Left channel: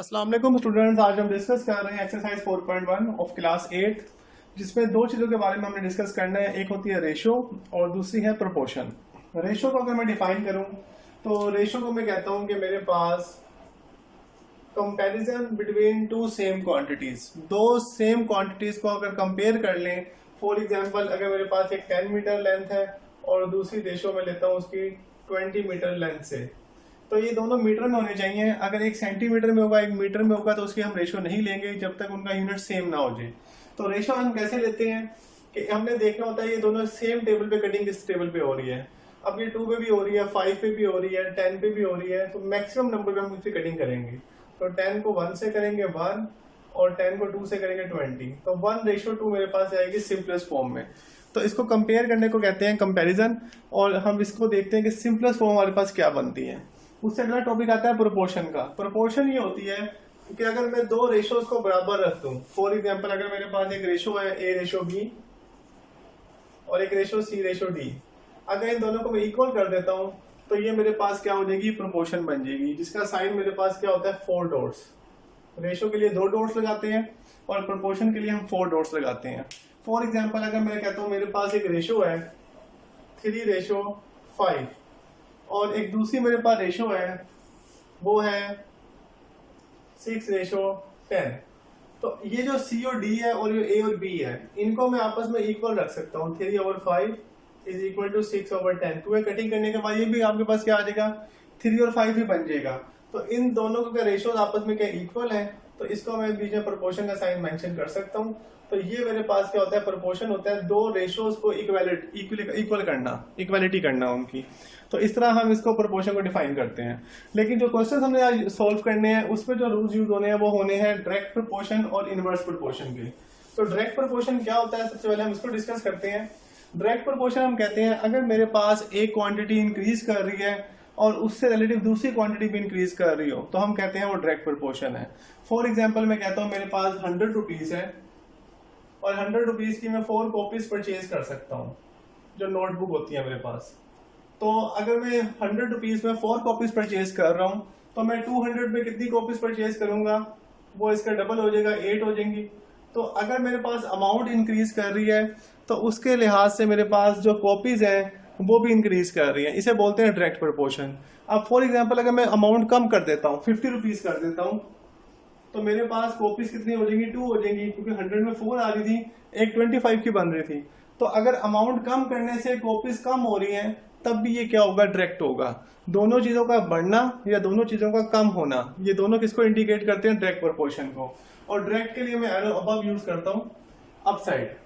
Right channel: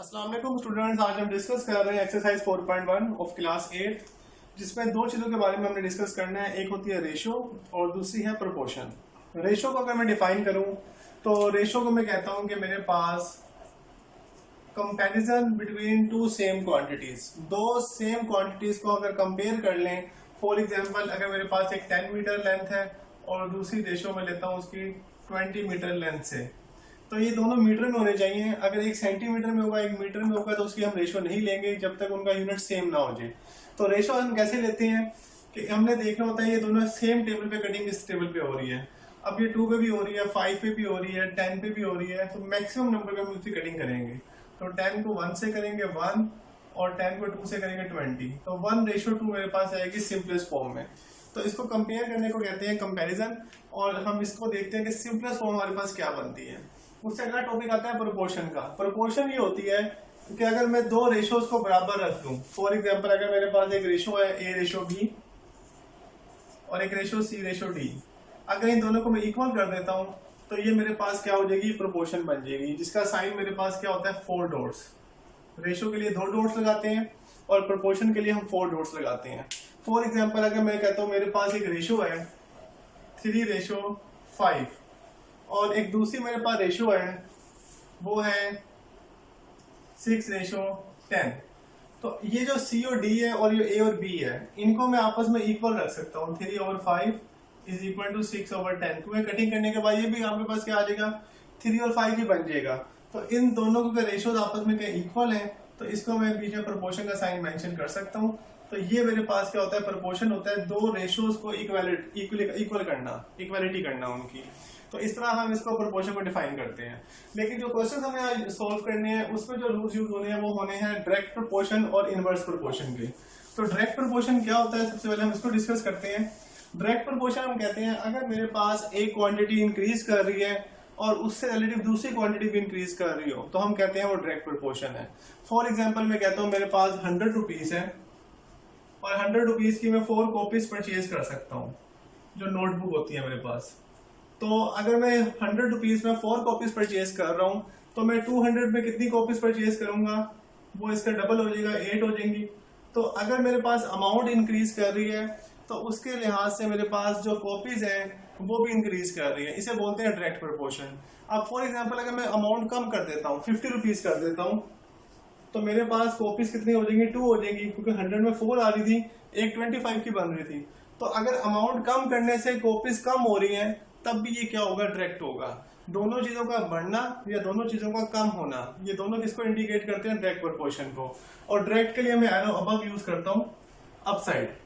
अस्सलाम वालेकुम स्टूडेंट्स। आज हम डिस्कस कर रहे हैं एक्सरसाइज 4.1 ऑफ क्लास 8, जिसमें दो चीज़ों के बारे में हमने डिस्कस करना है। एक होती है रेशो और दूसरी है प्रोपोर्शन। रेशो को अगर मैं डिफाइन करूं तो रेशो को मैं कहता हूं कि मेरे पास comparison between two same quantities, दो सेम क्वांटिटीज को अगर कंपेयर कर लें। फॉर एग्जांपल, अगर मेरे पास एक 10 मीटर लेंथ है और दूसरी रेशो में लेता हूं उसकी 20 मीटर लेंथ से, तो ये दोनों मीटर में होने चाहिए। अगर एक सेंटीमीटर में होगा, एक मीटर में होगा, तो उसकी हम रेशो नहीं लेंगे जब तक उनका यूनिट सेम ना हो जाए। तो रेशो हम कैसे लेते हैं कि हमने देखना होता है ये दोनों सेम टेबल पे कटिंग इस टेबल पे हो रही है। अब ये 2 पे भी हो रही है, 5 पे भी हो रही है, 10 पे भी हो रही है, तो मैक्सिमम नंबर पे हम उसकी कटिंग करेंगे। तो 10 को 1 से करेंगे 1 और 10 को 2 से करेंगे 20। तो 1:2 मेरे पास आएगी सिंपलेस्ट फॉर्म में। तो इसको कंपेयर करने को कहते हैं कंपैरिजन, और हम इसको देखते हैं कि सिंपलेस्ट फॉर्म हमारे पास क्या बनती है। उससे अगला टॉपिक आता है प्रोपोर्शन का। प्रोपोर्शन ये होती है कि अगर मैं दो रेशोज को बराबर रख दूं, फॉर एग्जांपल अगर मेरे पास एक रेशो है A:B और एक रेशो C:D, अगर इन दोनों को मैं इक्वल कर देता हूं तो ये मेरे पास क्या हो जाएगी, प्रोपोर्शन बन जाएगी, जिसका साइन मेरे पास क्या होता है, 4 डॉट्स। रेशो के लिए 2 डॉट्स लगाते हैं और प्रोपोर्शन के लिए हम 4 डॉट्स लगाते हैं। फॉर एग्जांपल, अगर मैं कहता हूं मेरे पास एक रेशो है 3:5 और एक दूसरी मेरे पास रेशो है वो है 6:10, तो ये जो C और D है और ये A और B है, इनको मैं आपस में इक्वल रख सकता हूँ। 3/5 इज इक्वल टू 6/10। तो कटिंग करने के बाद ये भी आपके पास क्या आ जाएगा, 3 और 5 ही बन जाएगा। तो इन दोनों के रेशोज आपस में क्या इक्वल है, तो इसको मैं बीच में प्रोपोर्शन का साइन मेंशन कर सकता हूँ। तो ये मेरे पास क्या होता है, प्रोपोर्शन होता है दो रेशोज को इक्वल करना, इक्वालिटी करना उनकी। तो इस तरह हम इसको प्रोपोर्शन को डिफाइन करते हैं। लेकिन जो क्वेश्चन हमने आज सॉल्व करने हैं उसमें जो रूल्स यूज होने हैं वो होने हैं डायरेक्ट प्रोपोर्शन और इनवर्स प्रोपोर्शन के। तो डायरेक्ट प्रोपोर्शन क्या होता है, सबसे पहले हम इसको डिस्कस करते हैं। डायरेक्ट प्रोपोर्शन हम कहते हैं अगर मेरे पास एक क्वांटिटी इंक्रीज कर रही है और उससे रिलेटिव दूसरी क्वांटिटी भी इंक्रीज कर रही हो, तो हम कहते हैं वो डायरेक्ट प्रोपोर्शन है। फॉर एग्जाम्पल, मैं कहता हूँ मेरे पास 100 रुपीज है और 100 रुपीज की मैं 4 कॉपीज परचेज कर सकता हूँ, जो नोटबुक होती है मेरे पास। तो अगर मैं 100 रुपीज में 4 कॉपीज परचेज कर रहा हूँ, तो मैं 200 में कितनी कॉपीज परचेज करूंगा, वो इसका डबल हो जाएगा, 8 हो जाएंगी। तो अगर मेरे पास अमाउंट इंक्रीज कर रही है तो उसके लिहाज से मेरे पास जो कॉपीज हैं वो भी इंक्रीज कर रही है। इसे बोलते हैं डायरेक्ट प्रोपोर्शन। अब फॉर एग्जाम्पल, अगर मैं अमाउंट कम कर देता हूँ, 50 रुपीज कर देता हूँ, तो मेरे पास कॉपीज कितनी हो जाएंगी, 2 हो जाएंगी, क्योंकि 100 में 4 आ रही थी, एक 25 की बन रही थी। तो अगर अमाउंट कम करने से कॉपीज कम हो रही हैं, तब भी ये क्या होगा, डायरेक्ट होगा। दोनों चीजों का बढ़ना या दोनों चीजों का कम होना, ये दोनों किसको इंडिकेट करते हैं, डायरेक्ट प्रोपोर्शन को। और डायरेक्ट के लिए मैं एरो अबव यूज करता हूँ, अप साइड।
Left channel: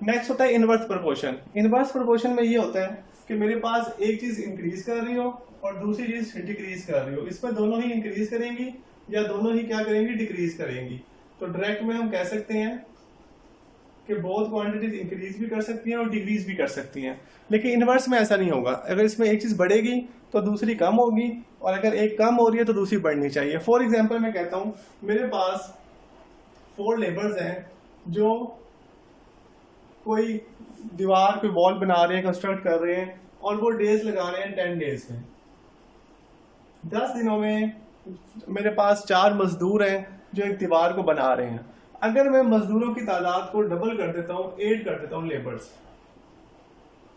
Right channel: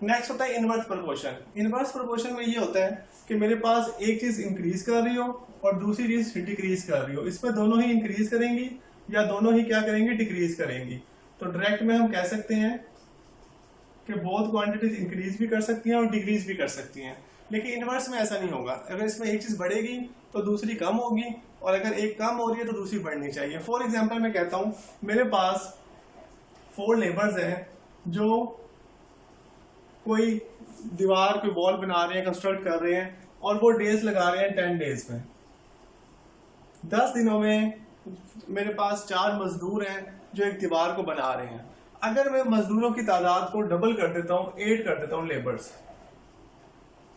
नेक्स्ट होता है इनवर्स प्रोपोर्शन। इनवर्स प्रोपोर्शन में ये होता है कि मेरे पास एक चीज इंक्रीज कर रही हो और दूसरी चीज डिक्रीज कर रही हो, इसमें दोनों ही इंक्रीज करेंगी या दोनों ही क्या करेंगी, डिक्रीज करेंगी। तो डायरेक्ट में हम कह सकते हैं कि बोथ क्वांटिटीज इंक्रीज भी कर सकती हैं और डिक्रीज भी कर सकती हैं। लेकिन इनवर्स में ऐसा नहीं होगा। अगर इसमें एक चीज बढ़ेगी तो दूसरी कम होगी, और अगर एक कम हो रही है तो दूसरी बढ़नी चाहिए। फॉर एग्जाम्पल, मैं कहता हूं मेरे पास 4 लेबर्स हैं जो कोई दीवार, कोई वॉल बना रहे हैं, कंस्ट्रक्ट कर रहे हैं, और वो डेज लगा रहे हैं 10 डेज में। 10 दिनों में मेरे पास 4 मजदूर हैं जो एक दीवार को बना रहे हैं। अगर मैं मजदूरों की तादाद को डबल कर देता हूँ, 8 कर देता हूँ लेबर्स,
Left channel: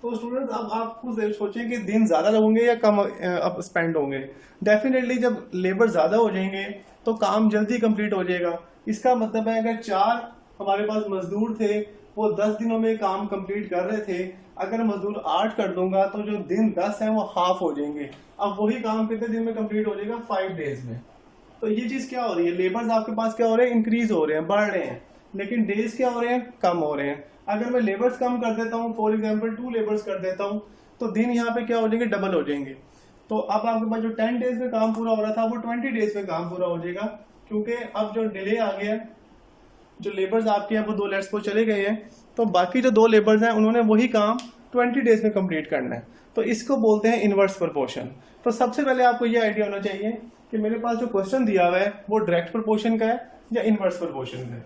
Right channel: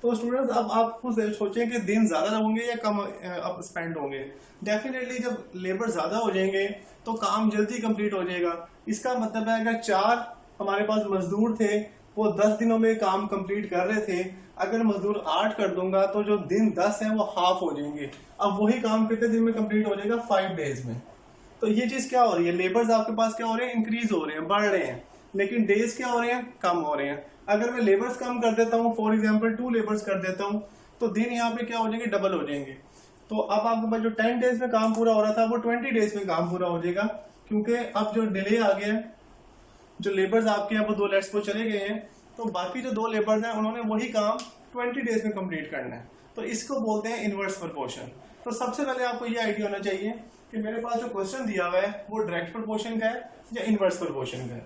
तो स्टूडेंट्स अब आप खुद सोचें कि दिन ज्यादा लगेंगे या कम अब स्पेंड होंगे। डेफिनेटली जब लेबर ज्यादा हो जाएंगे तो काम जल्दी कंप्लीट हो जाएगा। इसका मतलब है अगर 4 हमारे पास मजदूर थे, वो 10 दिनों में काम कंप्लीट कर रहे थे, अगर मजदूर 8 कर दूंगा तो जो दिन 10 हैं वो हाफ हो जाएंगे। अब वही काम कितने दिन में कंप्लीट हो जाएगा, 5 डेज में। तो ये चीज क्या हो रही है, लेबर्स आपके पास क्या हो रहे हैं, इंक्रीज हो रहे हैं, बढ़ रहे हैं, लेकिन डेज क्या हो रहे हैं, कम हो रहे हैं। अगर मैं लेबर्स कम कर देता हूँ, फॉर एग्जांपल 2 लेबर्स कर देता हूँ, तो दिन यहाँ पे क्या हो जाएंगे, डबल हो जाएंगे। तो अब आपके पास जो 10 डेज में काम पूरा हो रहा था वो 20 डेज में काम पूरा हो जाएगा, क्योंकि अब जो डिले आ गया है, जो लेबर्स आपके यहाँ वो 2 लेट्स को चले गए हैं, तो बाकी जो 2 लेबर्स हैं उन्होंने वही काम 20 डेज में कंप्लीट करना है। तो इसको बोलते हैं इनवर्स प्रोपोर्शन। तो सबसे पहले आपको ये आइडिया होना चाहिए कि मेरे पास जो क्वेश्चन दिया हुआ है वो डायरेक्ट प्रोपोर्शन का है या इनवर्स प्रोपोर्शन का है।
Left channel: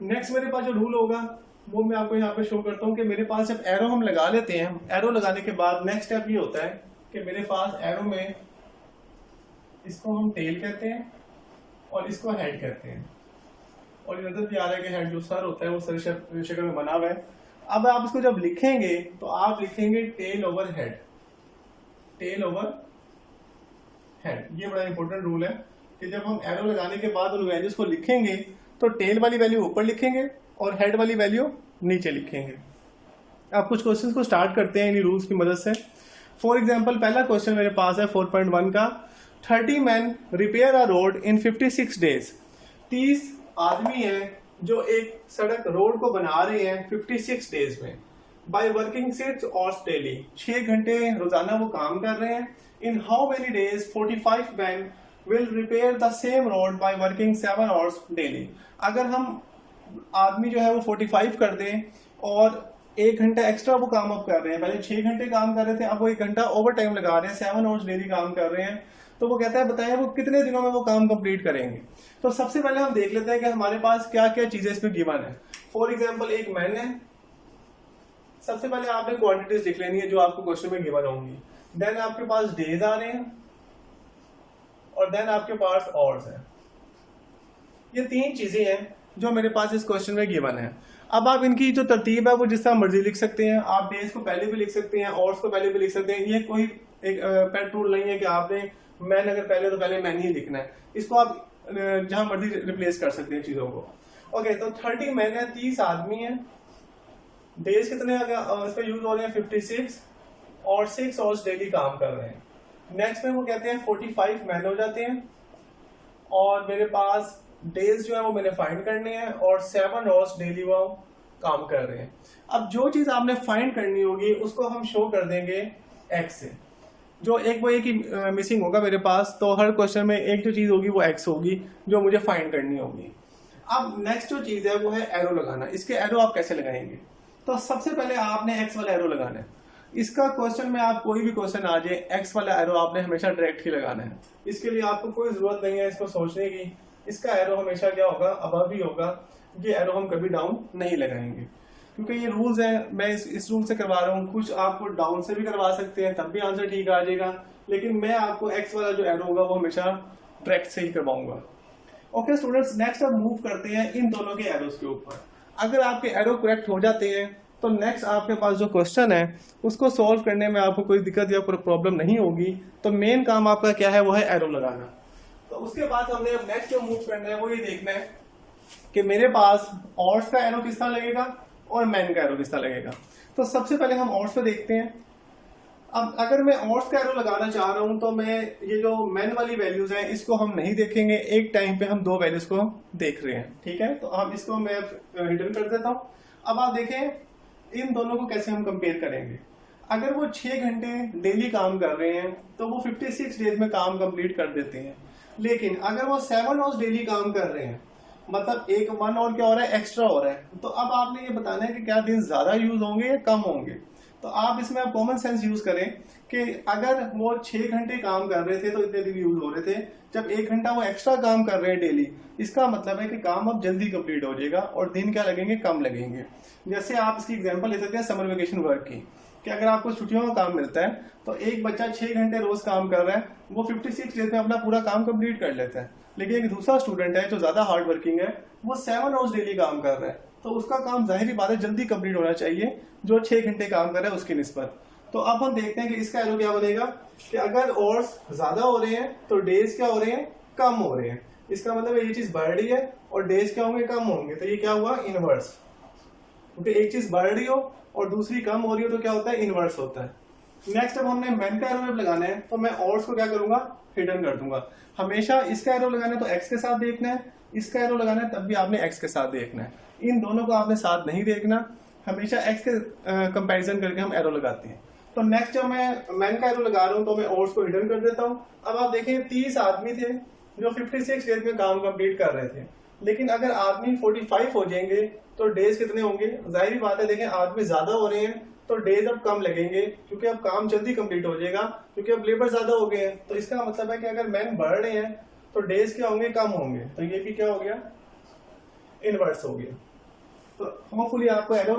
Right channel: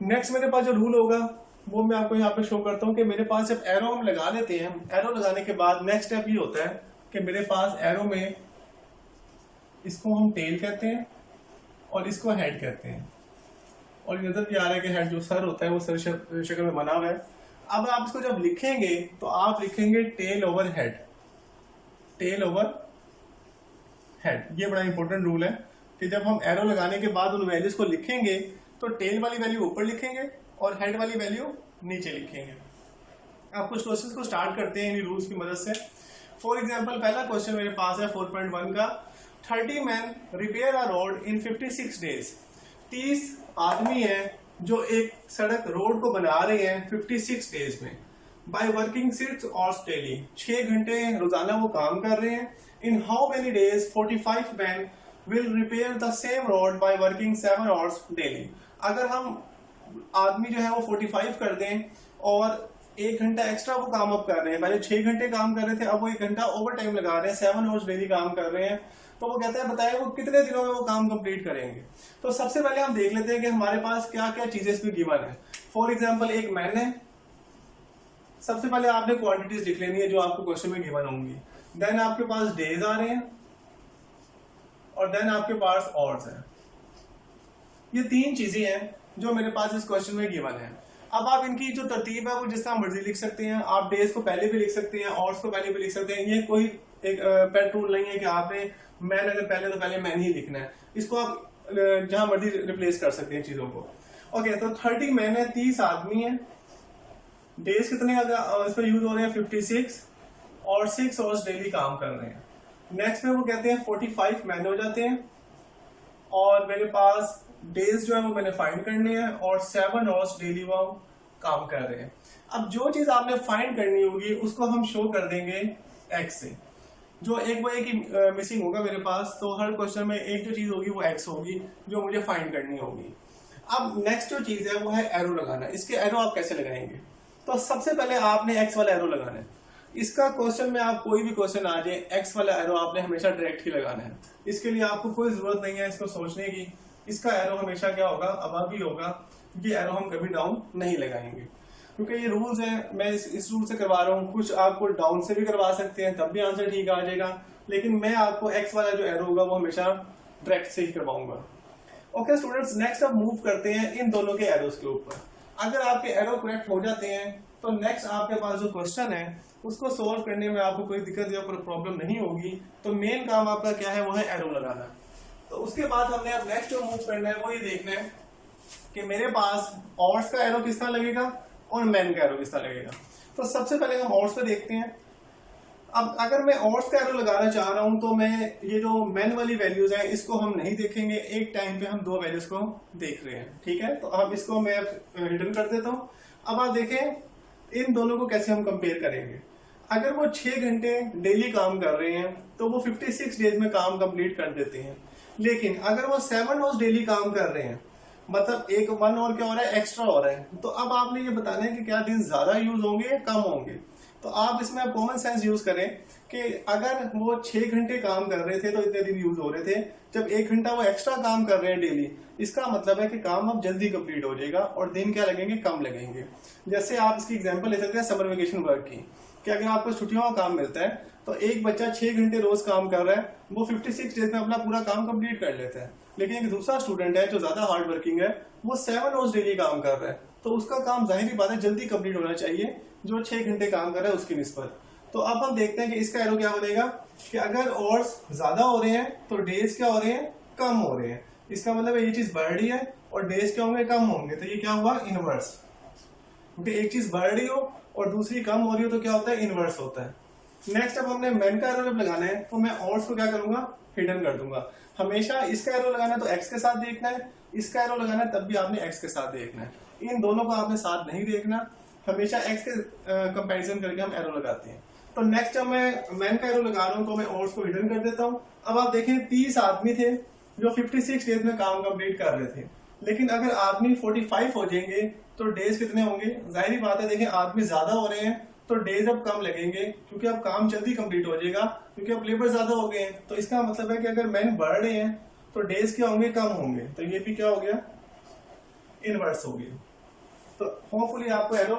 नेक्स्ट मेरे पास जो रूल होगा वो मैं आपको यहाँ पे शो करता हूँ कि मेरे पास जब एरो हम लगा लेते हैं, एरो लगाने के बाद नेक्स्ट स्टेप ये होता है कि मेरे पास एरो में, इसको हम टेल कहते हैं, और इसको हेड कहते हैं। और नजर भी आ रहा है कि हेड जो सर होता है वो सर शक्ल में बना हुआ है। अब आप इसको जब लिखेंगे तो आप लिखेंगे tail over head, tail over head. ये बड़ा इंपॉर्टेंट रूल है कि जब हम एरो लगाने के बाद उन वैल्यूज को लिखेंगे तो टेल वाली वैल्यू ऊपर लिखेंगे और हेड वाली वैल्यू नीचे लिखेंगे। अब कुछ क्वेश्चंस को स्टार्ट करते हैं इन्हीं रूल्स की मदद से। फॉर एग्जांपल पहला क्वेश्चन मेरे पास है 4.1 का, 30 मैन रिपेयर अ रोड इन 56 डेज। 30 आदमी हैं जो एक सड़क रोड को बना रहे हैं 56 डेज में, बाय वर्किंग 6 आवर्स डेली। 6 घंटे रोजाना वो काम कर रहे हैं। In how many days 45 man will repair the same road by working 7 hours daily. अगर हम आदमी जो है वो 45 कर दें और 1 घंटा एक्स्ट्रा वो काम अब कर रहे हैं, पहले 6 घंटे काम कर रहे थे, अब वो 1 घंटा ओवर टाइम लगा रहे हैं, 7 आवर्स डेली काम कर रहे हैं, तो वो कहता है बताया वो कितने दिनों में वो काम कंप्लीट करेंगे। तो सबसे पहले हम देख लेते हैं कि हमारे पास क्या क्या चीजें इसमें गिवन है। फॉर एग्जाम्पल एक मैन है, सबसे पहले आपने क्वांटिटीज लिख लेनी है जो आपको क्वेश्चन में गिवन होंगी। देन आपके पास डेज आ रहे हैं और देन आपके पास आवर्स है। ये 3 चीजें हैं जो मेरे पास इस क्वेश्चन में गिवन है। अब आप इनकी जो तरतीब है वो जिस तरह मर्जी लिख सकते हैं। आप डेज को पहले भी लिख सकते हैं, आवर्स को पहले भी लिख सकते हैं। ये कोई एक पेट रूल नहीं है कि आपने मैन अगर पहले तो पहले मैन ही लिखना है। इसको आप जहां मर्जी रिप्लेस कर सकते हैं चीजों को। ओके, तो 30 मैन है, 30 आदमी है। डेज कितने इस पर यूज हो रहे हैं 56 और 6 आवर्स डेली काम कर रहे हैं। नेक्स्ट में वो कहते हैं 45 मैन हो जाते हैं और मेरे पास डेज जो है वो मैंने फाइंड करने हैं और 7 आवर्स डेली वो काम कर रहे हैं। अब जो चीज आपने फाइंड करनी होगी उसको हम शो कर देंगे एक्स से। जो एक ही मिसिंग होगा मेरे पास, तो हर क्वेश्चन में एक जो चीज होगी वो एक्स होगी जो मुझे फाइंड करनी होगी। अब नेक्स्ट जो चीज है वो है एरो लगाना। इसके एरो आप कैसे लगाएंगे? तो सबसे पहले आपने एक्स वाला एरो लगाना है। इसका क्वेश्चन में आप कोई भी क्वेश्चन आ जाए, एक्स वाला एरो आपने हमेशा डायरेक्ट ही लगाना है। इसके लिए आपको कोई जरूरत नहीं है इसको सोचने की। इसका एरो हमेशा क्या होगा, अबव ही होगा। ये एरो हम कभी डाउन नहीं लगाएंगे क्योंकि ये रूल्स हैं। मैं इस रूल से करवा रहा हूँ। कुछ आपको डाउन से भी करवा सकते हैं, तब भी आंसर ठीक आ जाएगा, लेकिन मैं आपको एक्स वाला जो एरो होगा वो हमेशा डायरेक्ट से ही करवाऊंगा। ओके स्टूडेंट्स, नेक्स्ट अब मूव करते हैं इन दोनों के एरोस के ऊपर। अगर आपके एरो करेक्ट हो जाते हैं तो नेक्स्ट आपके पास जो क्वेश्चन है उसको सॉल्व करने में आपको कोई दिक्कत या कोई प्रॉब्लम नहीं होगी। तो मेन काम आपका क्या है, वो है एरो लगाना। तो उसके बाद हमने अब नेक्स्ट जो मूव करना है वो ये देखना है कि मेरे पास ऑर्स का एरो किस तरह लगेगा और मैन का एरो किस तरह लगेगा। तो सबसे पहले हम ऑर्स पे देखते हैं। अब अगर मैं ऑर्स का एरो लगाना चाह रहा हूं तो मैं ये जो मैन वाली वैल्यूज हैं इसको हम नहीं देखेंगे। एक टाइम पे हम 2 वैल्यूज को देख रहे हैं, ठीक है। तो अब इसको मैं हिडन कर देता हूं। अब आप देखें इन दोनों को कैसे हम कंपेयर करेंगे। अगर वो 6 घंटे डेली काम कर रहे हैं तो वो 56 डेज में काम कंप्लीट कर देते हैं। लेकिन अगर वो 7 आवर्स डेली काम कर रहे हैं, मतलब एक 1 और क्या हो रहा है, एक्स्ट्रा हो रहा है, तो अब आपने ये बताना है कि क्या दिन ज्यादा यूज होंगे या कम होंगे। तो आप इसमें कॉमन सेंस यूज करें कि अगर वो 6 घंटे काम कर रहे थे तो इतने दिन यूज हो रहे थे। जब 1 घंटा वो एक्स्ट्रा काम कर रहे हैं डेली, इसका मतलब है कि काम अब जल्दी कंप्लीट हो जाएगा और दिन क्या लगेंगे, कम लगेंगे। जैसे आप इसकी एग्जांपल ले सकते हैं समर वेकेशन वर्क की, कि अगर आपको छुट्टियों का काम मिलता है तो एक बच्चा 6 घंटे रोज काम कर रहा है, वो 56 डेज में अपना पूरा काम कंप्लीट कर लेता है। लेकिन एक दूसरा स्टूडेंट है जो ज्यादा हार्ड वर्किंग है, वो 7 आवर्स डेली काम कर रहा है, तो उसका काम जाहिर बात है जल्दी कंप्लीट होना चाहिए जो 6 घंटे काम कर रहा है उसकी निस्बत। तो अब हम देखते हैं कि इसका एरो क्या बनेगा कि अगर आवर्स ज्यादा हो रहे हैं तो डेज क्या हो रहे हैं, कम हो रहे हैं। इसका मतलब ये चीज बढ़ रही है और डेज क्या होंगे, कम होंगे। तो ये क्या हुआ, इनवर्स। क्योंकि एक चीज बढ़ रही हो और दूसरी कम हो रही हो तो क्या होता है, इनवर्स होता है। नेक्स्ट अब हमने मैन का एरो जब लगाना है तो मैं आवर्स को क्या करूंगा, हिडन कर दूंगा। हमेशा इसका एरो लगाना है तो एक्स के साथ देखना है, इसका एरो लगाना है तब भी आपने एक्स के साथ देखना है। इन दोनों को आपने साथ नहीं देखना, हमेशा एक्स के कंपैरिजन करके हम एरो लगाते हैं। तो नेक्स्ट जब मैं मैन का एरो लगा रहा हूँ तो मैं आवर्स को हिडन कर देता हूँ। अब आप देखें 30 आदमी थे जो 56 डेज में काम कंप्लीट कर रहे थे, लेकिन अगर आदमी 45 हो जाएंगे तो डेज कितने होंगे, जाहिर बात है देखें आदमी ज्यादा हो रहे हैं तो डेज अब कम लगेंगे क्योंकि अब काम जल्दी कंप्लीट हो जाएगा क्योंकि अब लेबर ज्यादा हो गए हैं। तो इसका मतलब है कि अगर मैन बढ़ रहे हैं तो डेज क्या होंगे, कम होंगे। तो ये भी क्या हो गया, इनवर्स हो गया। तो होपफुली आपको एरो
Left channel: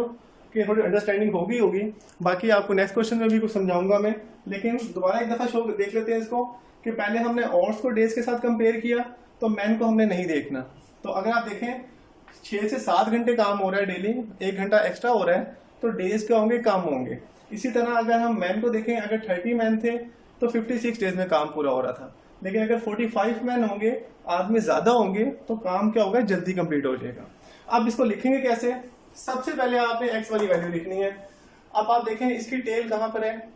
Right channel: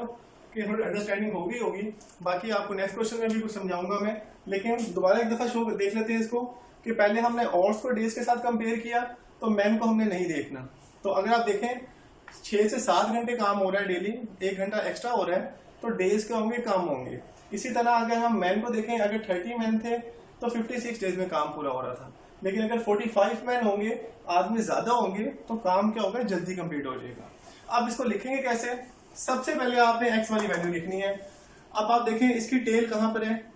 की थोड़ी अंडरस्टैंडिंग होगी। बाकी आपको नेक्स्ट क्वेश्चन में भी कुछ समझाऊंगा मैं, लेकिन दोबारा एक दफा शो देख लेते हैं इसको कि पहले हमने आवर्स को डेज के साथ कंपेयर किया, तो मैन को हमने नहीं देखना। तो अगर आप देखें 6 से 7 घंटे काम हो रहा है डेली, 1 घंटा एक्स्ट्रा हो रहा है, तो डेज क्या होंगे, कम होंगे। इसी तरह अगर हम मैन को देखें, अगर 30 मैन थे तो 56 डेज में काम पूरा हो रहा था, लेकिन अगर 45 मैन होंगे, आदमी ज्यादा होंगे, तो काम क्या होगा, जल्दी कंप्लीट हो जाएगा। अब इसको लिखेंगे कैसे? सबसे पहले आपने एक्स वाली वैल्यू लिखनी है। अब आप देखें इसकी टेल कहां पर है,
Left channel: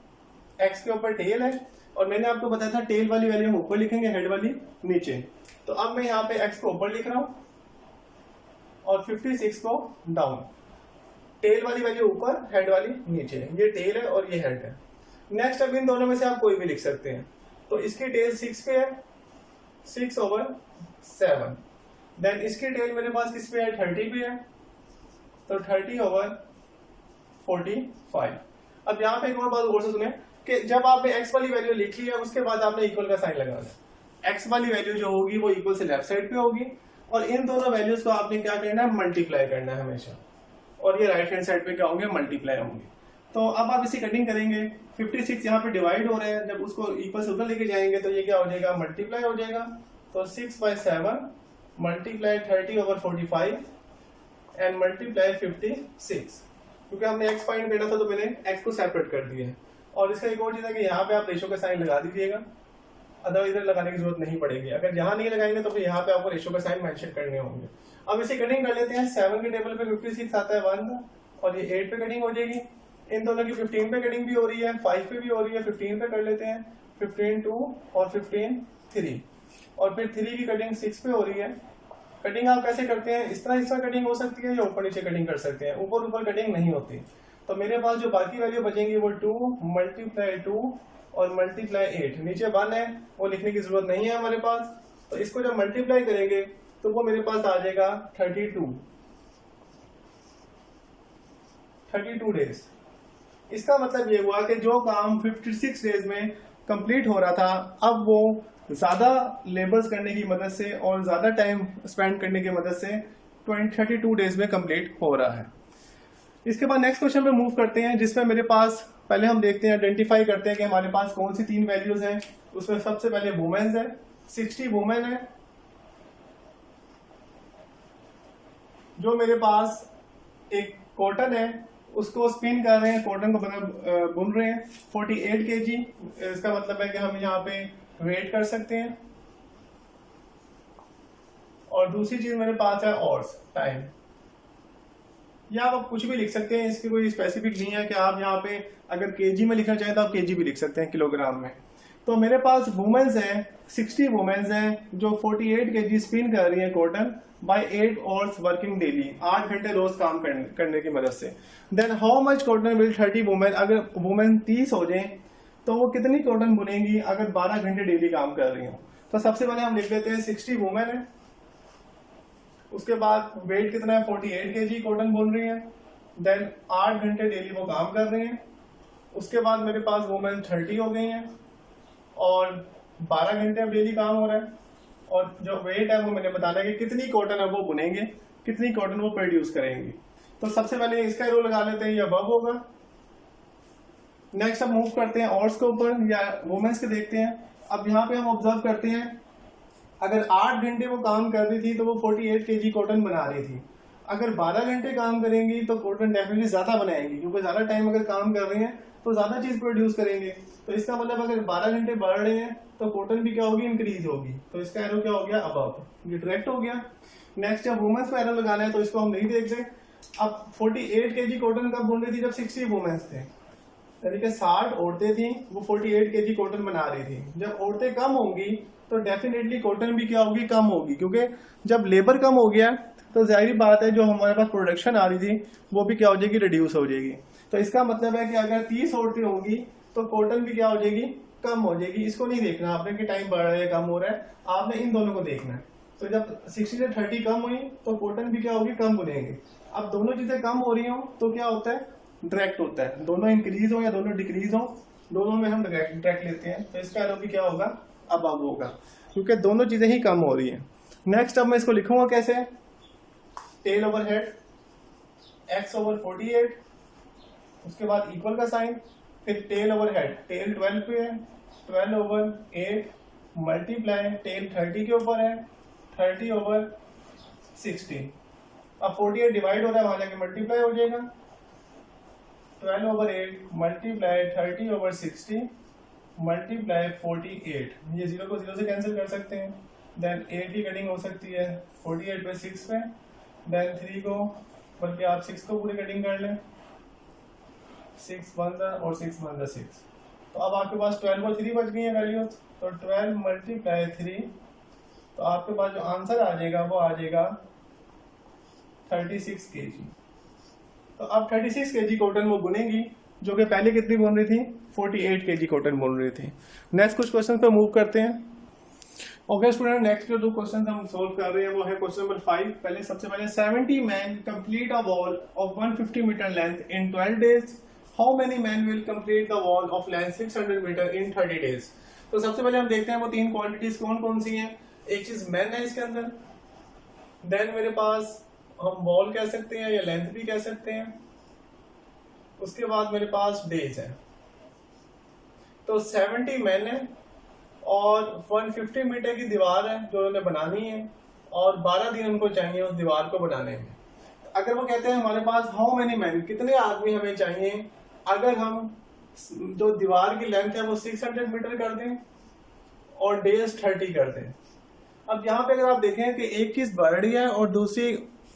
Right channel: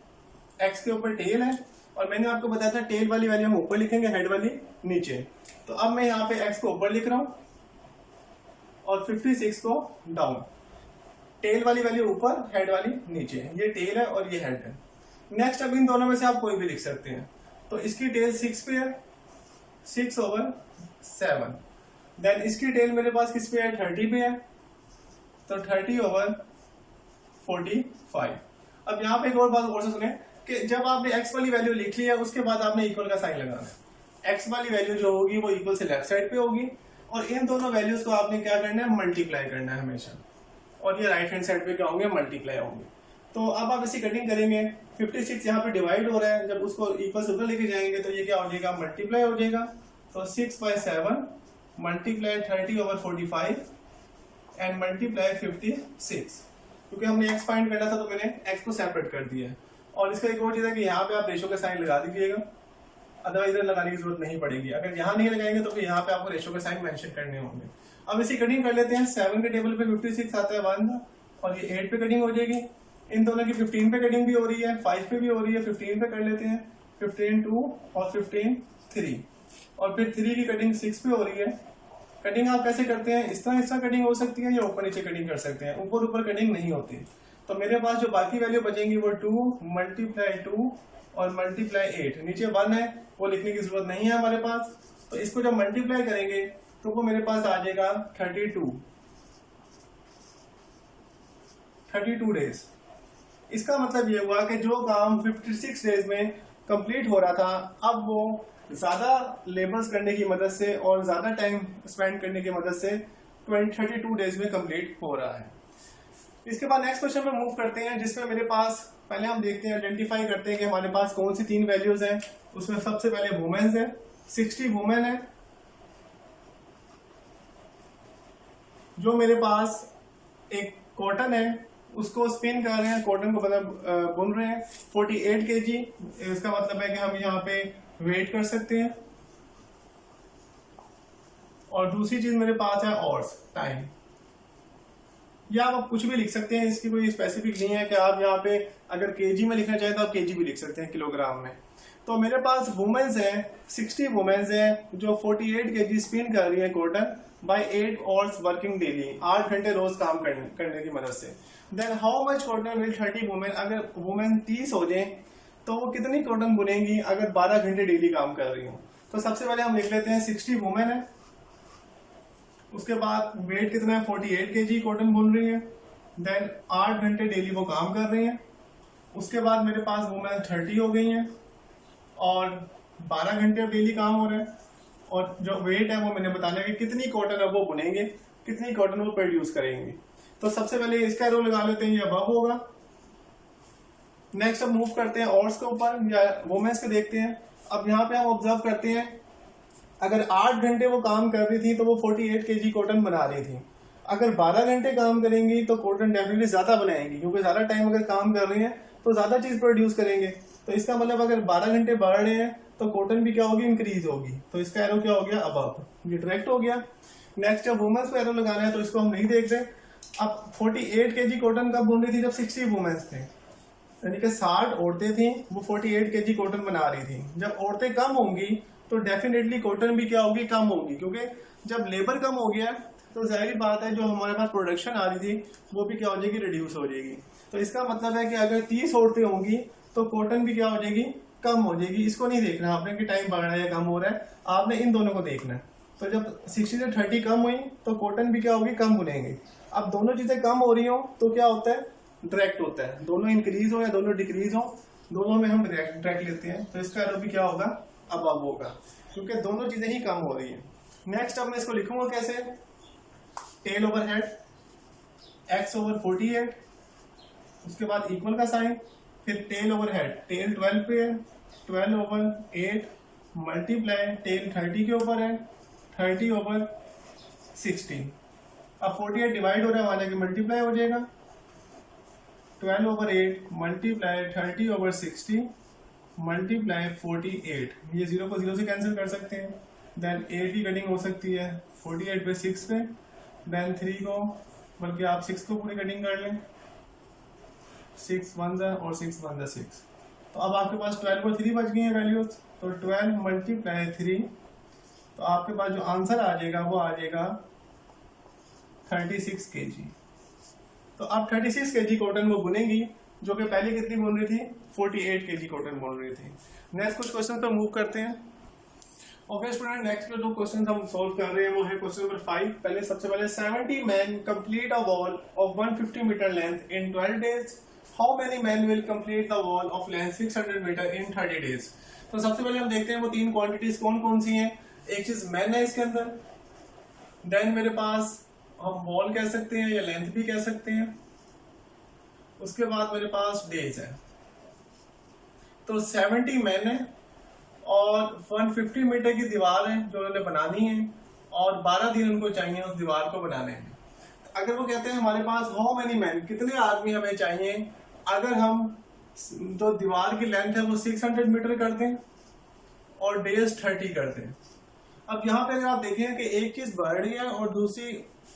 एक्स के ऊपर टेल है, और मैंने आपको बताया था टेल वाली वैल्यू हम ऊपर लिखेंगे, हेड वाली नीचे। तो अब मैं यहाँ पे एक्स को ऊपर लिख रहा हूं और 56 को डाउन। टेल वाली वैल्यू ऊपर, हेड वाली नीचे। ये टेल है और ये हेड है। नेक्स्ट अब इन दोनों में से आप कोई भी लिख सकते हैं। तो इसकी टेल 6 पे है, 6/7। देन इसकी टेल मेरे पास किस पे है, 30 पे है, तो 30/45। अब यहाँ पे एक और बात और से सुने कि जब आपने एक्स वाली वैल्यू लिख ली है, उसके बाद आपने इक्वल का साइन लगाना है। एक्स वाली वैल्यू जो होगी वो इक्वल से लेफ्ट साइड पे होगी, और इन दोनों वैल्यूज को आपने क्या करना है, मल्टीप्लाई करना है हमेशा, और ये राइट हैंड साइड पे क्या होंगे, मल्टीप्लाई होंगे। तो अब आप इसी कटिंग करेंगे। 56 यहाँ पे डिवाइड हो रहा है, जब उसको इक्वल से ऊपर लेके जाएंगे तो ये क्या हो जाएगा, मल्टीप्लाई हो जाएगा। तो 6/7 मल्टीप्लाई 30/45 एंड मल्टीप्लाई 56। क्योंकि हमने एक्स फाइंड करना था तो मैंने एक्स को सेपरेट कर दिया है। और इसका एक और चीज है कि यहाँ पे आप रेशो का साइन लगा दीजिएगा, अदरवाइज इधर लगाने की जरूरत नहीं पड़ेगी। अगर यहाँ नहीं लगाएंगे तो फिर यहाँ पे आपको रेशो का साइन मेंशन करने होंगे। अब इसी कटिंग कर लेते हैं। 7 के टेबल पे 56 आता है 1, और ये 8 पे कटिंग हो जाएगी। इन दोनों की 15 पे कटिंग भी हो रही है, 5 पे भी हो रही है, 15 पे कर लेते हैं। 15 2 और 15 3, और फिर 3 की कटिंग 6 पे हो रही है। कटिंग आप कैसे करते हैं, इस तरह कटिंग हो सकती है, या ऊपर नीचे कटिंग कर सकते हैं, ऊपर ऊपर कटिंग नहीं होती। तो मेरे पास जो बाकी वैल्यू बचेंगी वो 2 मल्टीप्लाई 2 और मल्टीप्लाई 8। नीचे 1 है, वो लिखने की जरूरत नहीं है हमारे पास। तो इसको जब मल्टीप्लाई करेंगे तो वो मेरे पास आ जाएगा 32 डेज। इसका मतलब ये हुआ कि जो काम 56 डेज में कंप्लीट हो रहा था, अब वो ज्यादा लेबर्स करने की मदद से और ज्यादा टाइम स्पेंड करने की मदद से 32 डेज में कंप्लीट हो रहा है। इसके बाद नेक्स्ट क्वेश्चन पे मूव करते हैं, जिसमें मेरे पास पहले हम देखते हैं, आइडेंटिफाई करते हैं कि हमारे पास कौन सी 3 वैल्यूज हैं। उसमें सबसे पहले वुमेन्स है, 60 वुमेन है जो मेरे पास एक कॉटन है उसको स्पिन कर रहे हैं, कॉटन को मतलब बुन रहे हैं 48 kg। इसका मतलब है कि हम यहाँ पे वेट कर सकते हैं। और दूसरी चीज मेरे पास है ऑर्स, टाइम। या आप कुछ भी लिख सकते हैं, इसकी कोई स्पेसिफिक नहीं है कि आप यहाँ पे अगर केजी में लिखना चाहें तो आप केजी भी लिख सकते हैं, किलोग्राम में। तो मेरे पास वुमेन्स हैं, 60 वुमेन्स हैं जो 48 kg स्पिन कर रही हैं cotton by 8 hours working daily, 8 घंटे रोज काम करने की मदद से। Then how much cotton will 30 women, अगर वुमेन 30 हो जाए तो वो कितनी कॉटन बुनेंगी अगर 12 घंटे डेली काम कर रही हो। तो सबसे पहले हम लिख लेते हैं 60 वुमेन है, उसके बाद वेट कितना है, 48 kg कॉटन बुन रही है। देन 8 घंटे डेली वो काम कर रही है। उसके बाद मेरे पास वुमेन 30 हो गई हैं और 12 घंटे अब डेली काम हो रहा है। और जो वेट है वो मैंने बताना है कि कितनी कॉटन है वो बुनेंगे, कितनी कॉटन वो प्रोड्यूस करेंगे। तो सबसे पहले इसका एरो लगा लेते हैं, ये अब होगा। नेक्स्ट अब मूव करते हैं और्स के ऊपर या वुमेन्स के देखते हैं। अब यहाँ पे हम ऑब्जर्व करते हैं, अगर 8 घंटे वो काम कर रही थी तो वो 48 kg कॉटन बना रही थी। अगर 12 घंटे काम करेंगी तो कॉटन डेफिनेटली ज्यादा बनाएंगी, क्योंकि ज्यादा टाइम अगर काम कर रही हैं तो ज्यादा चीज प्रोड्यूस करेंगे। तो इसका मतलब अगर 12 घंटे बढ़ रहे हैं तो कॉटन भी क्या होगी, इंक्रीज होगी। तो इसका एरो क्या हो गया, अबव, ये डायरेक्ट हो गया। नेक्स्ट जब वुमेन्स को एरो लगाना है तो इसको हम नहीं देख रहे। अब 48 kg कॉटन कब बुन रही थी, जब 60 वुमेन्स थे, यानी कि 60 औरतें थी, वो 48 kg कॉटन बना रही थी। जब औरतें कम होंगी तो डेफिनेटली कॉटन भी क्या होगी, कम होगी, क्योंकि जब लेबर कम हो गया तो जाहिर बात है जो हमारे पास प्रोडक्शन आ रही थी वो भी क्या हो जाएगी, रिड्यूस हो जाएगी। तो इसका मतलब है कि अगर 30 औरतें होंगी तो कॉटन भी क्या हो जाएगी, कम हो जाएगी। इसको नहीं देखना आपने कि टाइम बढ़ रहा है या कम हो रहा है, आपने इन दोनों को देखना है। तो जब 60 से 30 कम हुई तो कॉटन भी क्या होगी, कम बुनेंगे। अब दोनों चीजें कम हो रही हो तो क्या होता है, डायरेक्ट होता है। दोनों इंक्रीज हो या दोनों डिक्रीज हो, दोनों में हम डायरेक्ट लेते हैं। तो इसका एरो भी क्या होगा, अबव होगा, क्योंकि दोनों चीजें ही कम हो रही है। नेक्स्ट अब मैं इसको लिखूंगा कैसे, टेल ओवर हेड x/48, उसके बाद इक्वल का साइन, फिर टेल ओवर हेड, टेल 12 पे है, 12/8 मल्टीप्लाई टेल 30 के ऊपर है, 30/16। अब 48 डिवाइड हो रहा है, वहां जाके मल्टीप्लाई हो जाएगा। 12/8 मल्टीप्लाई 30/60 मल्टीप्लाई 48। ये 0 को 0 से कैंसिल कर सकते हैं। देन 8 की कटिंग हो सकती है 48 पे 6 पे। देन 3 को, बल्कि आप 6 को पूरी कटिंग कर लें, 6 1 और 6 1 6। तो अब आपके पास 12 और 3 बच गई है वैल्यूज। तो 12 मल्टीप्लाई 3, तो आपके पास जो आंसर आ जाएगा वो आ जाएगा 36 kg। तो अब 36 kg कॉटन वो बुनेंगी, जो कि पहले कितनी बुन रही थी, 48 kg कॉटन बुन रही थी। नेक्स्ट कुछ क्वेश्चन पे मूव करते हैं। ओके स्टूडेंट, नेक्स्ट जो 2 क्वेश्चन हम सॉल्व कर रहे हैं वो है क्वेश्चन नंबर 5। पहले सबसे पहले 70 man complete a wall of 150 metre length in 12 days. How many man will complete the wall of length 600 metre in 30 days. तो सबसे पहले हम देखते हैं वो 3 क्वांटिटीज कौन कौन सी हैं। एक चीज मैन है इसके अंदर, देन मेरे पास हम वॉल कह सकते हैं या लेंथ भी कह सकते हैं, उसके बाद मेरे पास डेज है। तो 70 मैन है और 150 मीटर की दीवार है जो उन्होंने बनानी है, और 12 दिन उनको चाहिए उस दीवार को बनाने में। तो अगर वो कहते हैं हमारे पास हाउ मेनी मैन, कितने आदमी हमें चाहिए, अगर हम जो दीवार की लेंथ है वो 600 मीटर कर दें और डेज 30 कर दें। अब यहाँ पे अगर आप देखें कि एक चीज बढ़ रही है और दूसरी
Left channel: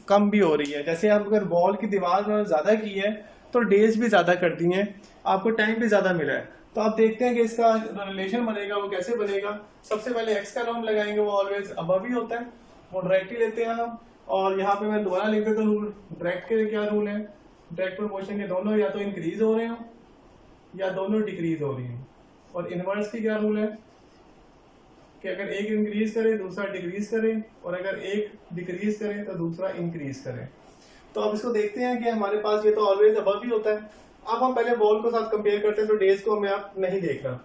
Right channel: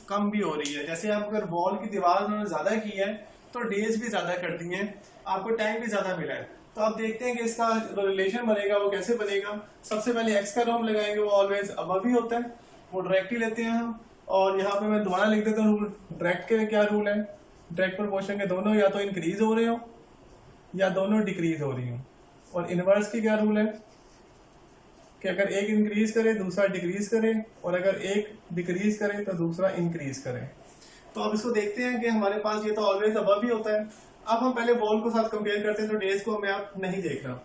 कम भी हो रही है। जैसे आप अगर वॉल की दीवार उन्होंने ज्यादा की है तो डेज भी ज्यादा कर दी हैं, आपको टाइम भी ज्यादा मिला है। तो आप देखते हैं कि इसका जो रिलेशन बनेगा वो कैसे बनेगा। सबसे पहले एक्स का हम लगाएंगे, वो ऑलवेज अबव ही होता है, वो डायरेक्ट ही लेते हैं हम। और यहाँ पे मैं दोबारा लिख देता हूँ रूल। डायरेक्ट के क्या रूल है, डायरेक्ट प्रोपोर्शन के दोनों या तो इंक्रीज हो रहे हो या दोनों डिक्रीज हो रही हो। और इनवर्स की क्या रूल है कि अगर एक इंक्रीज करे दूसरा डिक्रीज करे, और अगर एक डिक्रीज करे तो दूसरा इंक्रीज करे। तो अब इसको देखते हैं कि हमारे पास ये तो ऑलवेज अबव ही होता है। अब हम पहले वॉल को साथ कंपेयर करते हैं, तो डेज को हमें आप नहीं देख रहा।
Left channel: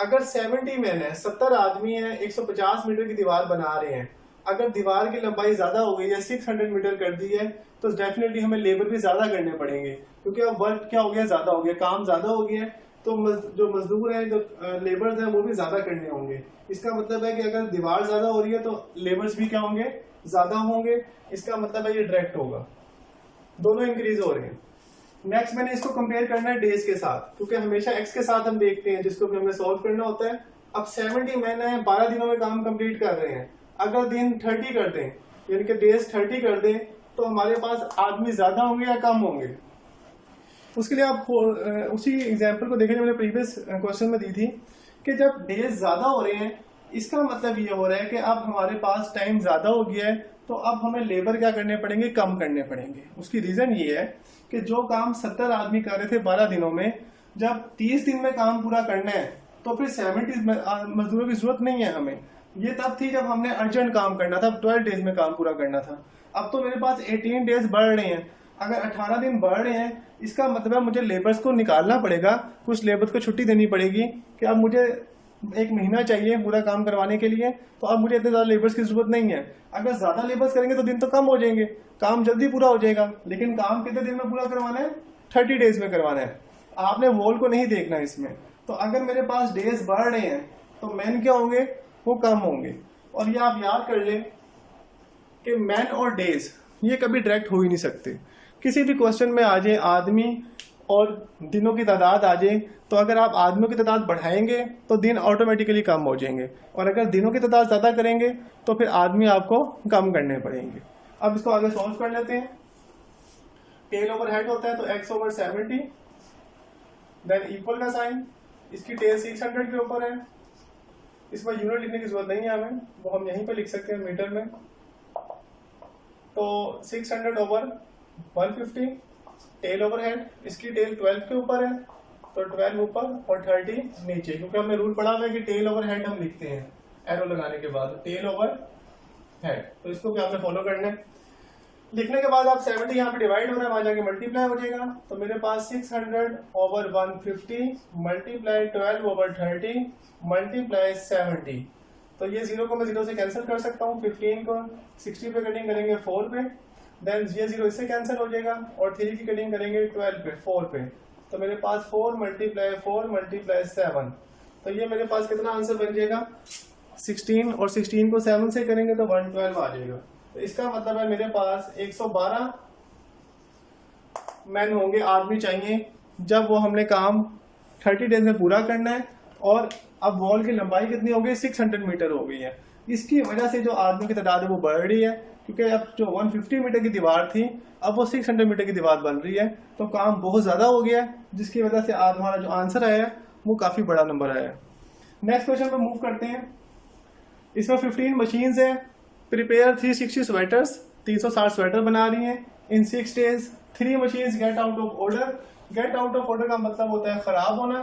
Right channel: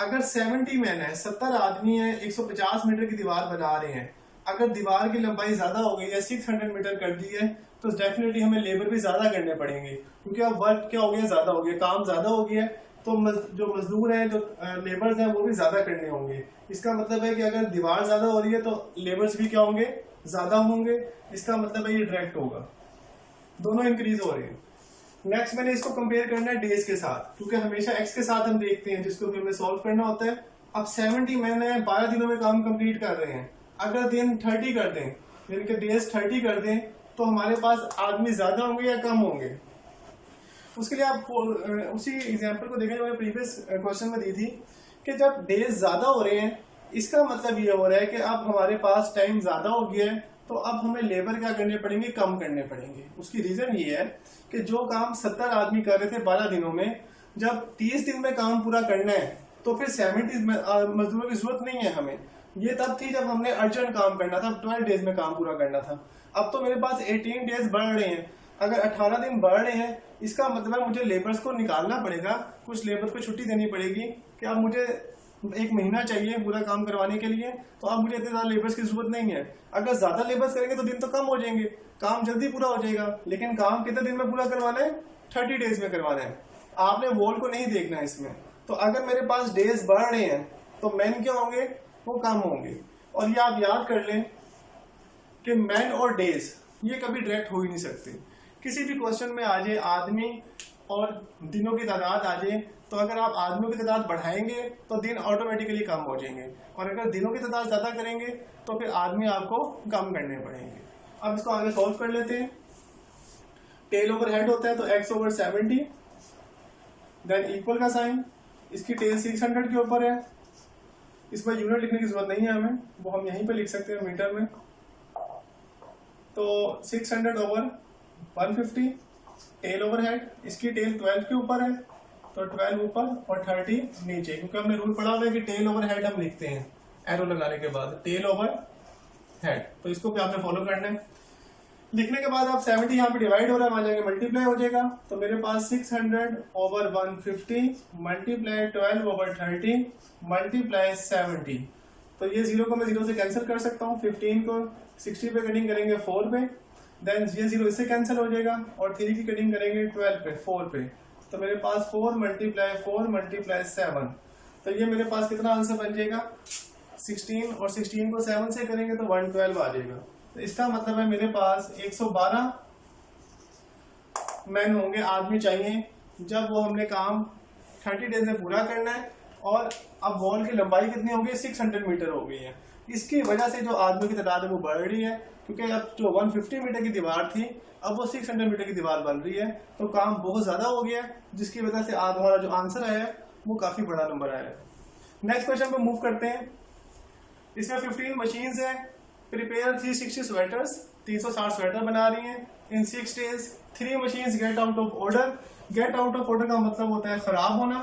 अगर 70 मैन है, 70 आदमी है, 150 मीटर की दीवार बना रहे हैं, अगर दीवार की लंबाई ज्यादा हो गई है, 600 मीटर कर दी है, तो डेफिनेटली हमें लेबर भी ज्यादा करने पड़ेंगे, क्योंकि अब वर्क क्या हो गया, ज्यादा हो गया, काम ज्यादा हो गया है। तो जो मजदूर हैं, जो लेबर्स हैं, वो भी ज्यादा करने होंगे। इसका मतलब है कि अगर दीवार ज्यादा हो रही है तो लेबर्स भी क्या होंगे, ज्यादा होंगे। इसका मतलब है ये डायरेक्ट होगा, दोनों इंक्रीज हो रहे हैं। नेक्स्ट मैंने इसको कंपेयर करना है डेज के साथ, क्योंकि हमेशा एक्स के साथ हम देखते हैं, जिसको हमें सॉल्व करना होता है। अब 70 मैन है, 12 दिनों में काम कंप्लीट कर रहे हैं। अगर दिन 30 कर दें, यानी कि डेज 30 कर दें, तो हमारे पास आदमी ज्यादा होंगे या कम होंगे। उसके लिए आप उसी एग्जाम्पल को देखें जो मैंने प्रीवियस क्वेश्चन में दी थी, कि जब डेज ज्यादा हो रहे हैं, इसका मतलब ये हो रहा है कि अब हमारे पास टाइम ज्यादा हो गया है, तो अब हमें लेबर क्या करने पड़ेंगे, कम करने पड़ेंगे। उसकी रीजन ये है कि जो काम 70 आदमी कर रहे थे 12 दिनों में, जब 30 दिन में काम पूरा करना है तो फिर 70 मजदूरों की जरूरत नहीं है हमें। ये तब थी जब हमने अर्जेंट काम करना था, 12 डेज में काम पूरा करना था। अब तो मेरे पास 18 डेज बढ़ रहे हैं, अगर 18 दिन बढ़ रहे हैं, इसका मतलब है मुझे लेबर्स को निकालना पड़ेगा, कुछ लेबर्स को छुट्टी देनी पड़ेगी कि अब मुझे 1 महीना चाहिए पूरा काम करवाने के लिए, तो अब मुझे इतने ज्यादा लेबर्स की जरूरत नहीं है। अगर ज्यादा लेबर्स करेंगे तो दिन तो कम हो जाएंगे, काम जल्दी पूरा हो जाएगा, लेकिन काम कितने दिन में पूरा करवाना है, 30 डेज में करवाना है। आपने वॉल को नहीं देखना इसमें। तो अगर मेरे पास डेज बढ़ रहे हैं तो मैन क्या होंगे, वो कम होंगे। और ये आप याद कर लें कि मैन और डेज ये कभी डायरेक्ट हो ही नहीं सकते। किसी भी क्वेश्चन में आ जाए आदमी और दिनों की तादाद आ जाए, तो अगर आप आदमियों की तादाद बढ़ाएंगे तो दिन ऑटोमेटिकली कम हो जाएंगे, और अगर दिनों की तादाद ज़्यादा करेंगे तो फिर आदमी आपको कम करने पड़ेंगे। अब इसको आगे सॉल्व कर लेते हैं। टेल ओवर हेड होता है तो x ओवर 70, देन इक्वल का साइन, इसकी टेल 600 के ऊपर है। इसमें यूनिट लिखने की जरूरत नहीं है हमें, वो हम यहीं पे लिख सकते हैं मीटर में। तो 600 ओवर 150 टेल ओवर हेड, इसकी टेल 12 के ऊपर है, तो 12 ऊपर और 30 नीचे, क्योंकि हमने रूल पढ़ा हुआ है कि टेल ओवर हेड हम लिखते हैं एरो लगाने के बाद, टेल ओवर हेड। तो इसको भी आपने फॉलो करना है। लिखने के बाद आप 70 यहाँ पे डिवाइड हो रहा है, वहां जाके मल्टीप्लाई हो जाएगा। तो मेरे पास 600 ओवर 150 मल्टीप्लाई 12 ओवर 30 मल्टीप्लाई 70। तो ये 0 को मैं 0 से कैंसिल कर सकता हूँ। 15 को 60 पे कटिंग करेंगे 4 पे, देन ये 0 इससे कैंसिल हो जाएगा, और 3 की कटिंग करेंगे 12 पे 4 पे। तो मेरे पास 4 मल्टीप्लाई 4 मल्टीप्लाई 7, तो ये मेरे पास कितना आंसर बन जाएगा, 16 और 16 को 7 से करेंगे तो 112 आ जाएगा। तो इसका मतलब है मेरे पास 112 मैन होंगे, आदमी चाहिए, जब वो हमने काम 30 डेज में पूरा करना है। और अब वॉल की लंबाई कितनी हो गई, 600 मीटर हो गई है। इसकी वजह से जो आदमी की तादाद है वो बढ़ रही है, क्योंकि अब जो 150 मीटर की दीवार थी अब वो 600 मीटर की दीवार बन रही है, तो काम बहुत ज़्यादा हो गया है, जिसकी वजह से आज हमारा जो आंसर आया है वो काफ़ी बड़ा नंबर आया है। नेक्स्ट क्वेश्चन पे मूव करते हैं। इसमें 15 मशीन्स है, प्रिपेयर 360 स्वेटर्स, 360 स्वेटर बना रही हैं इन 6 days. 3 machines get out of order. Get out of order का मतलब होता है खराब होना।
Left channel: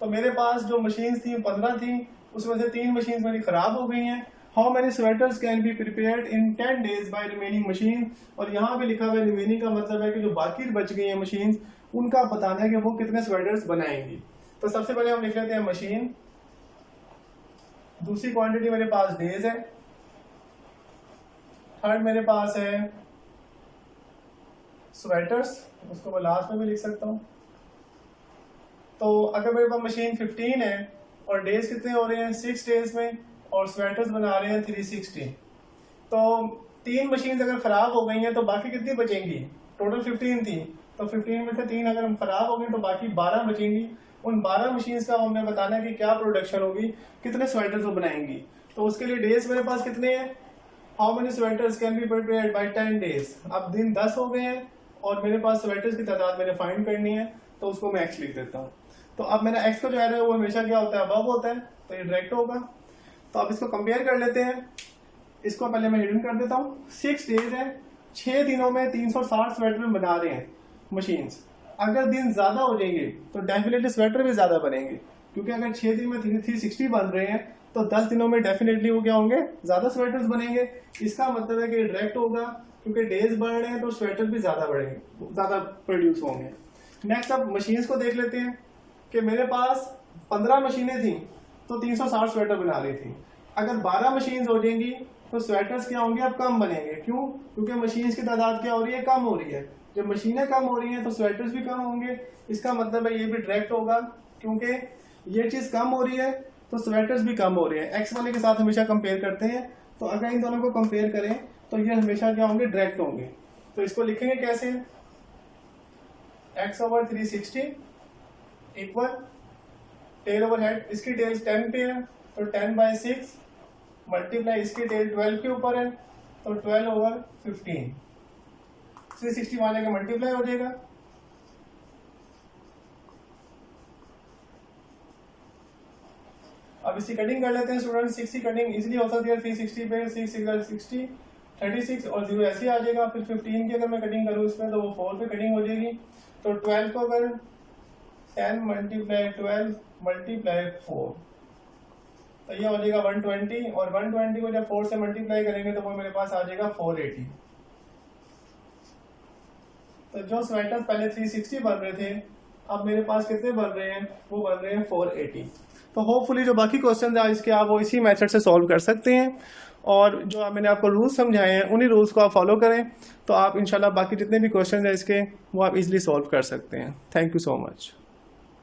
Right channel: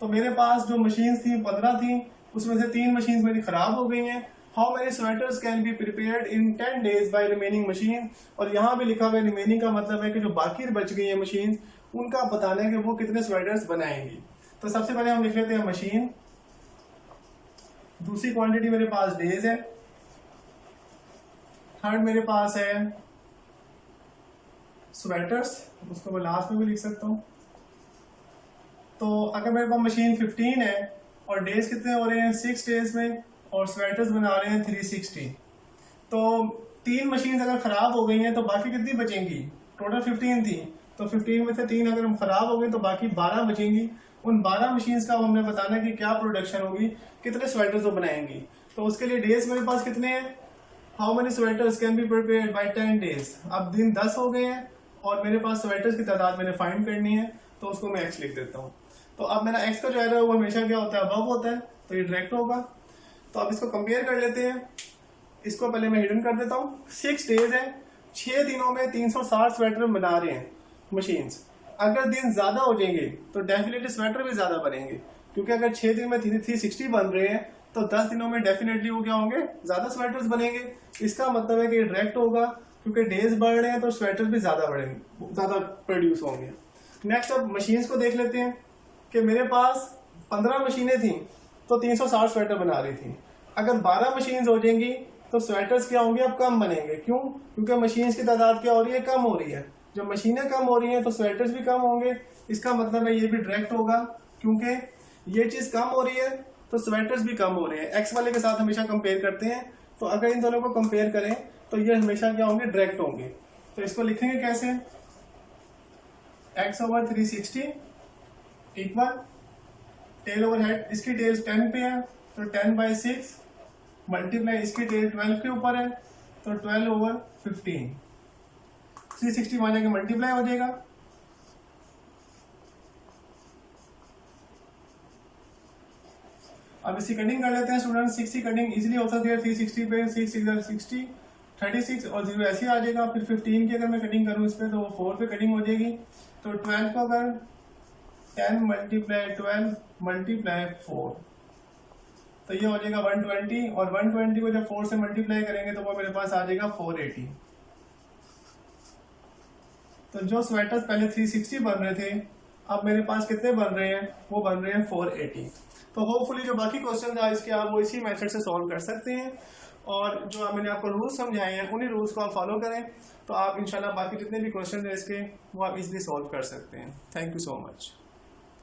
तो मेरे पास जो मशीन्स थी 15 थी, उसमें से 3 मशीन्स मेरी खराब हो गई हैं। How many sweaters can be prepared in 10 days by remaining machine. और यहाँ भी लिखा हुआ है रिमेनिंग का मतलब है कि जो बाकी बच गई हैं मशीन्स, उनका बताना है कि वो कितने स्वेटर्स बनाएंगी। तो सबसे पहले हम लिख लेते हैं मशीन, दूसरी क्वांटिटी मेरे पास डेज है, थर्ड मेरे पास है स्वेटर्स, उसको मैं लास्ट में भी लिख सकता हूँ। तो अगर मेरे पास मशीन 15 है और डेज कितने हो रहे हैं 6 डेज में, और स्वेटर्स बना रहे हैं 360, तो 3 मशीन अगर खराब हो गई हैं तो बाकी कितनी बचेंगी, टोटल 15 थी, तो 15 में से 3 अगर हम खराब हो गई तो बाकी 12 बचेंगी। उन 12 मशीन्स का हमने बताना है कि क्या प्रोडक्शन होगी, कितने स्वेटर्स वो बनाएंगी। तो उसके लिए डेज मेरे पास कितने हैं, how many sweaters can be prepared by 10 days. अब दिन 10 हो गए हैं और मेरे पास स्वेटर्स की तादाद मैंने फाइंड करनी है, तो उसको मैं एक्स लिख देता हूँ। तो अब मेरा एक्स का जो एरर है वो हमेशा क्या होता है, अबव होता है, तो ये डायरेक्ट होगा। तो अब इसको कंपेयर कर लेते हैं। इसको पहले मैं हिडन कर देता हूँ। 6 डेज है, 6 दिनों में 360 स्वेटर बना रहे हैं मशीन्स। अगर दिन ज्यादा हो जाएंगे तो डेफिनेटली स्वेटर भी ज्यादा बनेंगे, क्योंकि अगर 6 दिन में 360 बन रहे हैं तो 10 दिनों में डेफिनेटली वो क्या होंगे, ज्यादा स्वेटर्स बनेंगे। इसका मतलब है कि डायरेक्ट होगा, क्योंकि डेज बढ़ रहे हैं तो स्वेटर भी ज्यादा बढ़ेंगे, ज्यादा प्रोड्यूस होंगे। नेक्स्ट अब मशीन्स को देख लेते हैं कि मेरे पास 15 मशीनें थी तो 360 स्वेटर बना रही थी। अगर 12 मशीन्स हो जाएंगी तो स्वेटर्स क्या होंगे, अब कम बनेंगे। क्यों, क्योंकि मशीन्स की तादाद क्या हो रही है, कम हो रही है। जब मशीनें कम हो रही हैं तो स्वेटर्स भी कम होंगे। इसका मतलब है ये भी डायरेक्ट होगा, क्योंकि ये चीज कम हो रही है तो स्वेटर्स भी कम हो रहे हैं। एक्स वाले के साथ हमेशा कंपेयर करते हैं, तो अगर इन दोनों को कंपेयर करें तो ये हमेशा क्या होंगे, डायरेक्ट होंगे। तो इसको लिखेंगे कैसे, x/360 equal tail over head, इसकी टेल 10 पे है तो 10/6 मल्टीप्लाई इसकी टेल 12 के ऊपर है तो 12/15। 360 माने का मल्टीप्लाई हो जाएगा। अब इसकी कटिंग कर लेते हैं स्टूडेंट। 6 की कटिंग इजीली हो सकती है 360 पे, 6 6 60 36 और 0 ऐसे आ जाएगा। फिर 15 की अगर मैं कटिंग करूँ इस पर तो वो 4 पे कटिंग हो जाएगी। तो 12 को अगर 10 × 12 × 4 तो ये हो जाएगा 120, और 120 को जब 4 से मल्टीप्लाई करेंगे तो वो मेरे पास आ जाएगा 480। तो जो स्वेटर्स पहले 360 बन रहे थे अब मेरे पास कितने बन रहे हैं, वो बन रहे हैं 480। तो होपफुली जो बाकी क्वेश्चन है इसके आप वो इसी मेथड से सॉल्व कर सकते हैं, और जो मैंने आपको रूल्स समझाए हैं उन्हीं रूल्स को आप फॉलो करें तो आप इंशाल्लाह बाकी जितने भी क्वेश्चन हैं इसके वो आप इजीली सॉल्व कर सकते हैं। Thank you so much.